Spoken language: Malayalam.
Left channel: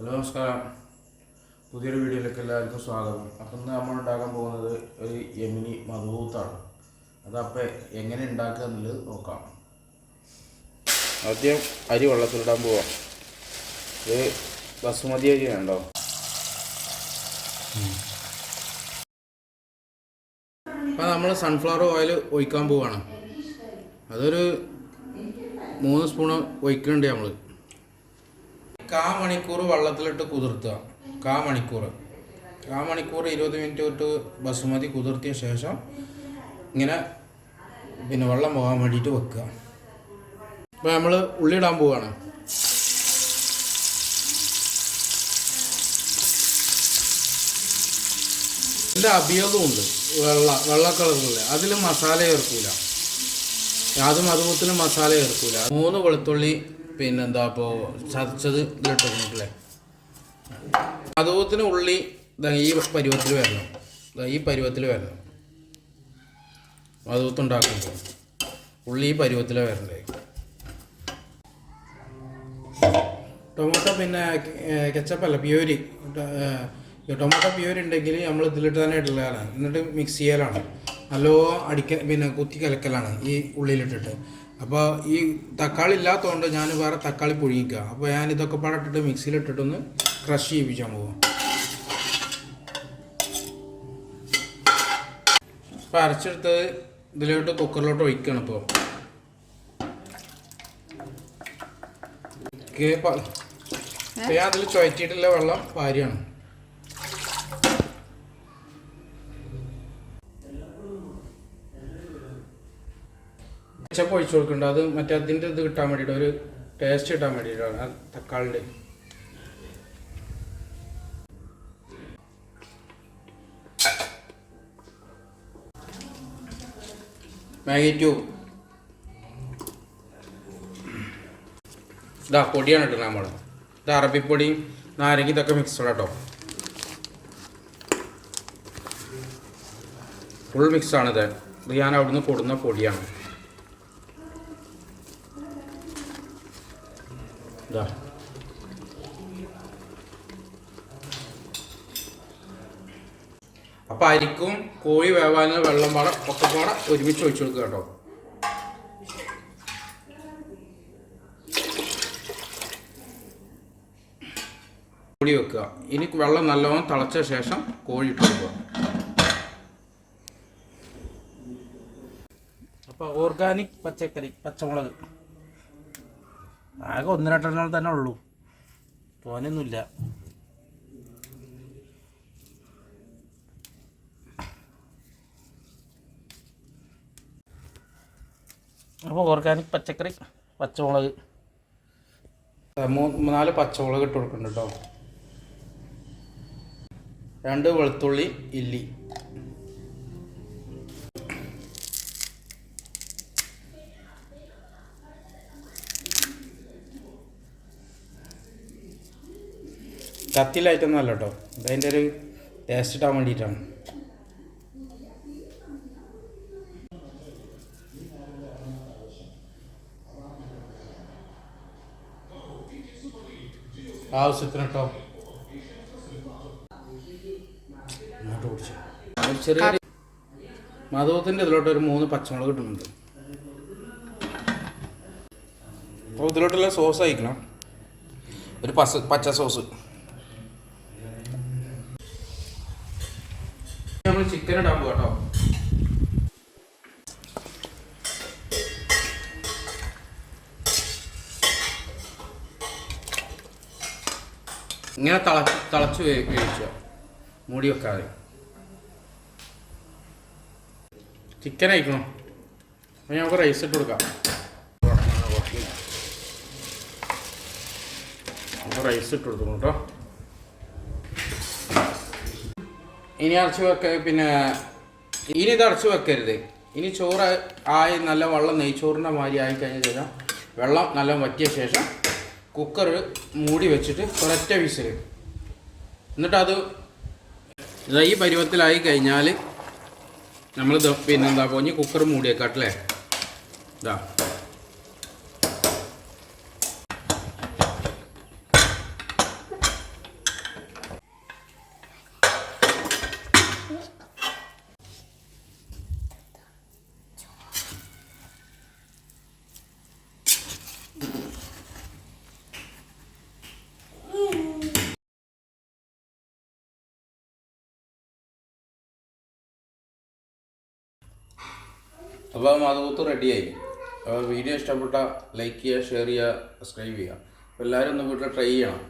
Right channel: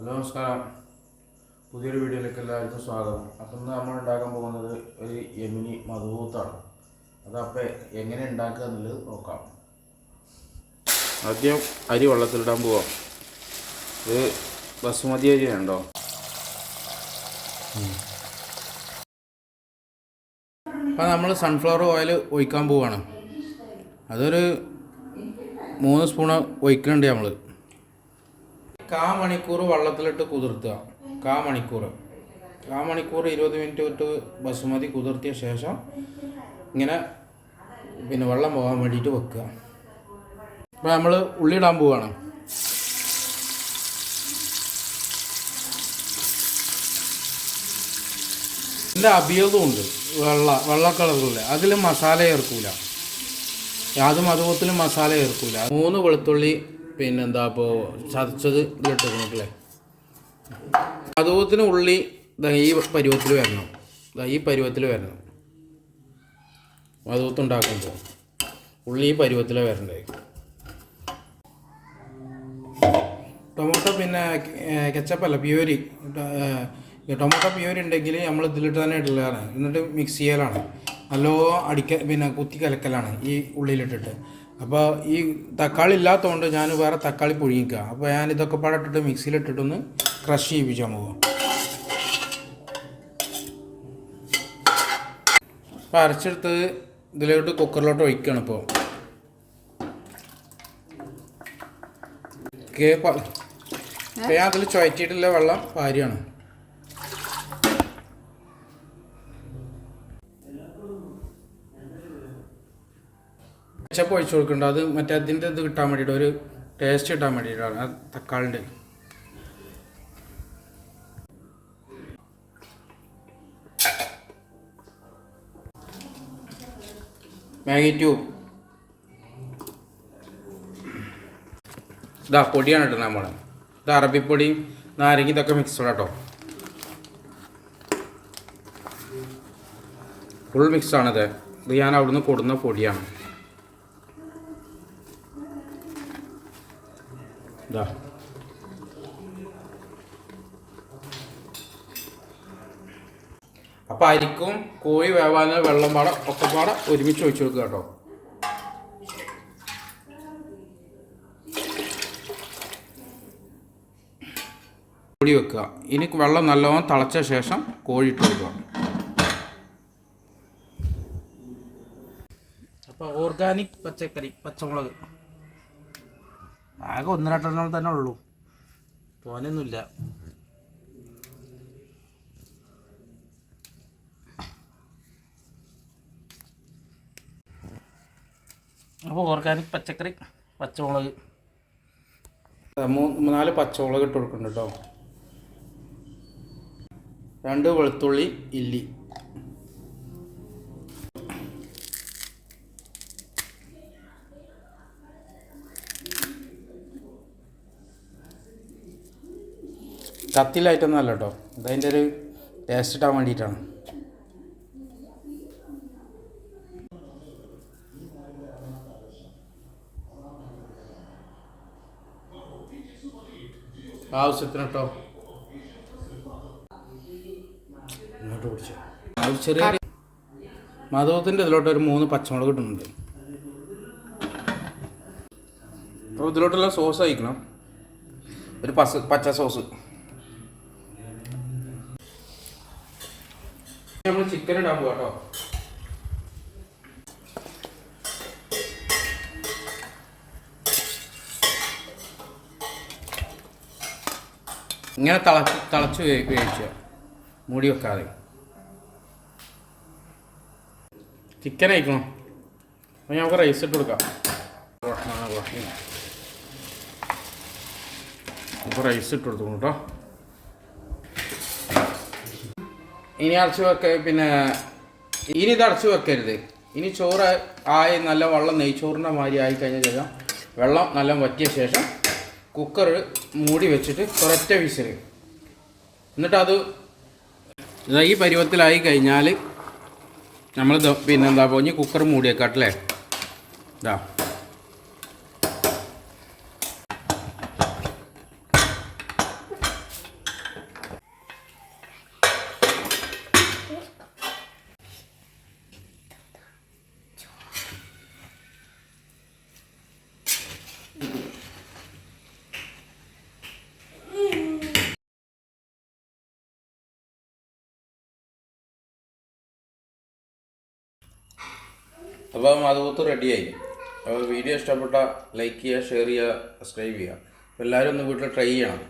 ഹലോ നമസ്കാരം. പുതിയൊരു വീഡിയോയിലേക്ക് എല്ലാവർക്കും സ്വാഗതം. അപ്പം ഇന്ന് നമ്മൾ ഉണ്ടാക്കാൻ പോകുന്നത് ഒരു യമനി മധൂത്താണ്. അതപ്പോൾ എങ്ങനെ ഉണ്ടാക്കുക എന്നുള്ളത് നോക്കാം. ആദ്യം അരി വെള്ളത്തിലിടാൻ പോവാം. ഇത് ബസുമതി അരി ഉണ്ടോ? അപ്പം നമ്മൾ സൺഫ്ലവർ ഓയിൽ ഒഴിക്കാൻ പോവുകയാണ്. അതൊരു 3 സ്പൂൺ ഒഴിക്കുന്നുണ്ട്. നമ്മൾ 1/4 മണിക്കൂർ വെള്ളത്തിലിട്ട് കുതിർത്തുക. 1/4 മണിക്കൂർ 20 മിനിറ്റ് ഇട്ട് ബസുമതി കുതിർത്തിയ ശേഷം ഇങ്ങനെ വെള്ളം പോകാൻ വേണ്ടിയിട്ട് വെക്കുക. അപ്പോൾ നമ്മൾ ഉള്ളിടാൻ പോവുകയാണ്. ഇതിൻ്റെ അഭിയോഗം ഉണ്ട്, വെള്ള കളറുള്ള. അതിൽ മസാല ചേർക്കൂല, അതുപോലെ മസാല ചേർക്കൂല. 3 വെളുത്തുള്ളി ഇപ്പോൾ ചതച്ചത് ഇതിലിട്ടില്ലേ. അതുപോലെ ഉള്ളി ഈ പരുവത്തിൽ വരണം. അതുപോലെ ഉണ്ടാക്കുമ്പോൾ ഉള്ളി ഈ പരുവത്തിൽ വരണ്ടേ. ടൊമാറ്റോ കെച്ചപ്പല്ല, പ്യൂരി. ടൊമാറ്റോ പ്യൂരി ഉണ്ടെങ്കിൽ നമ്മൾ ഇതിലിട്ട് തന്നെ ഇടലാണ്. എന്നിട്ട് മിക്സ് ചെയ്യലാണ്. നല്ലോണം കുത്തി കലക്കലാണ് ഈ ഉള്ളിലിട്ടിട്ട്. അപ്പോൾ ഈ തക്കാളി ഇല്ലാത്തതുകൊണ്ട് ഞാൻ വേറെ തക്കാളി പുഴുങ്ങിക്കുക. അപ്പോൾ ഞാൻ ഇതൊക്കെ പാടിട്ടിട്ട് മിക്സിയിലിട്ടിട്ടൊന്ന് ക്രഷ് ചെയ്യിപ്പിച്ചാൽ പോകും. അപ്പോൾ അരച്ചെടുത്ത് ഇതിലോട്ട് കുക്കറിലോട്ട് ഒഴിക്കുകയാണ്. ഇപ്പോൾ ഞാൻ അതിൽ ചുവറ്റിയിട്ടുള്ള വെള്ളം പാരിയാണ്. കെച്ചപ്പ് ഒഴിച്ചു കൊടുക്കുന്നുണ്ട്. അത് മറ്റേ അതിൻ്റെ ഇത് കിട്ടാൻ വേണ്ടിയിട്ട്, ഒരു ടേസ്റ്റ് കിട്ടാൻ വേണ്ടിയിട്ടാണ് തക്കാളിൻ്റെ. മാഗി ക്യൂബ് ഇതാ പൊടിയാണ് ഇട്ടത് നമ്മൾ. ഇത് അറബിപ്പൊടിയും നാരങ്ങ ഇതൊക്കെ മിക്സ്ഡ് കേട്ടോ. ഫുൾ മിക്സാണിത്. ഇത് ഞാൻ അവിടുന്ന് കൊടുന്ന പൊടിയാണ്. അപ്പം അരിക്കും കോഴി വേവാനും വെള്ളം ഒക്കെ ഒരുമിച്ച് ഒഴിച്ചു കൊടുക്കുക കേട്ടോ. കോഴി വെക്കുക. ഇനി വെള്ളം നല്ലോണം തിളച്ച ശേഷം കോഴി ഇട്ട് കൊടുക്കുക. അപ്പോൾ ഓർഗാനിക് പച്ചമുളക് ആകെ 1-2 തന്നെ ഉള്ളൂ, തോനൊന്നുമില്ല. അപ്പോൾ ഓർഗാനിക് പച്ചമുളക് 3-4 പച്ചമുളക് ഇട്ട് കൊടുക്കുന്നുണ്ട് കേട്ടോ. 2 വെളുത്തുള്ളി ഇല്ലി, കത്തിയിലായിട്ടൊന്നും അല്ല കേട്ടോ. അതതിൻ്റെ ഒരു ടേസ്റ്റ് ഇട്ടാൻ വേണ്ടിയിട്ടാണ്. ആവശ്യത്തിന് കേട്ടോ. ഇങ്ങോട്ട് പിടിച്ചു. ചെറിയ മധുവത്തിൻ്റെ ഇതിലോട്ട് ഒരു 3 പച്ചമുളക് ഇടുന്നുണ്ട്. അപ്പോൾ ഇതിലോട്ടുള്ള സോസ് അയക്കണം. ഒരു പച്ച സോസ്. നമ്മൾ ചിക്കൻ ഇടാൻ പോകാം കേട്ടോ. ഇങ്ങനെ തിളച്ച് വേവിക്കുക, മൂടി വെക്കാതെ. ചിക്കൻ അയക്കണം. അപ്പോൾ നമുക്ക് റൈസ് ഇട്ട് കൊടുക്കാം. അപ്പോൾ റൈസ് ഇട്ട് കൊടുക്കും കേട്ടോ. ഇനി അടച്ച് ഇനി ഇത് അടച്ച് വെക്കരുത്. ഇനി ചോറ് നല്ല വെള്ളം നെയ്ച്ചോറിൻ്റെ മാതിരി ആയിക്കഴിഞ്ഞ ശേഷം വെള്ളം നല്ല വറ്റിയ ശേഷം കുക്കർ മൂടി വെച്ചിട്ട് ഒരൊറ്റ വിസിൽ. എന്നിട്ട് അത് ഈ പരുവത്തിലായി കഴിഞ്ഞാൽ നമ്മൾ പോയി കുക്കർ മൂടി വെക്കാട്ടല്ലേ. ഇതാ അപ്പോൾ മധുപൂത്ത് റെഡിയായി. അപ്പോൾ വീഡിയോ ഇഷ്ടപ്പെട്ട ലൈക്ക് ചെയ്യുക, ഷെയർ ചെയ്യുക, സബ്സ്ക്രൈബ് ചെയ്യുക. എല്ലാവരും ഒന്ന് വീട്ടിൽ ട്രൈ ചെയ്യണം.